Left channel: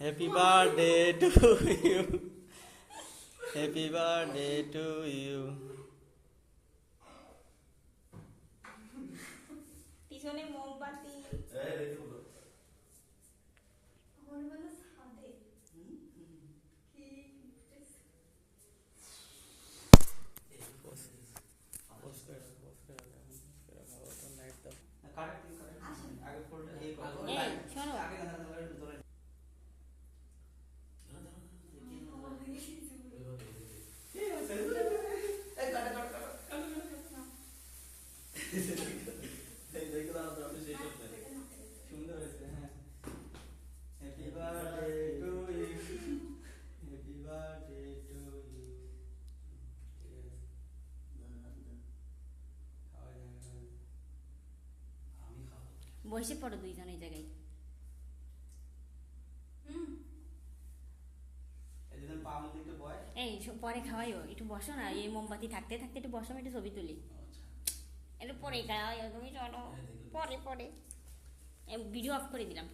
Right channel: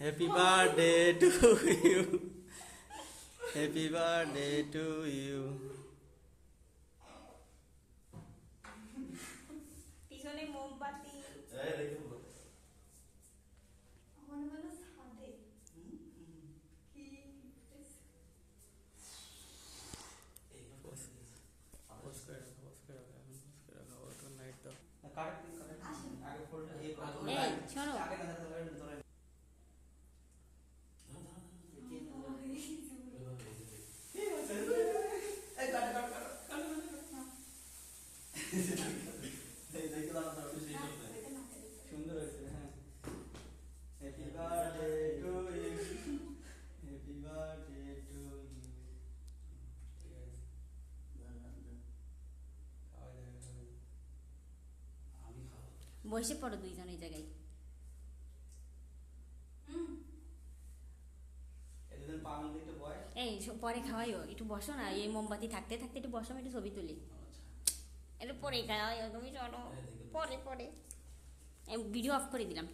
Happy birthday to you, happy birthday to you. পিছনে মোমবাতি। সুন্দর হয়েছে। হ্যাঁ, happy birthday to you, happy birthday to you. বসে পড়ো দুইজন এই জায়গায়। এই পরে খাওয়াইও, একটু বসো না, এই মোমবাতি থাকতে থাকতে একটু বসো, আমি একটু ছবি তুলি। একটু পরে খাওয়াইও, তুমি চলো, পরে পরে ভিডিও অফ করে দিলাম।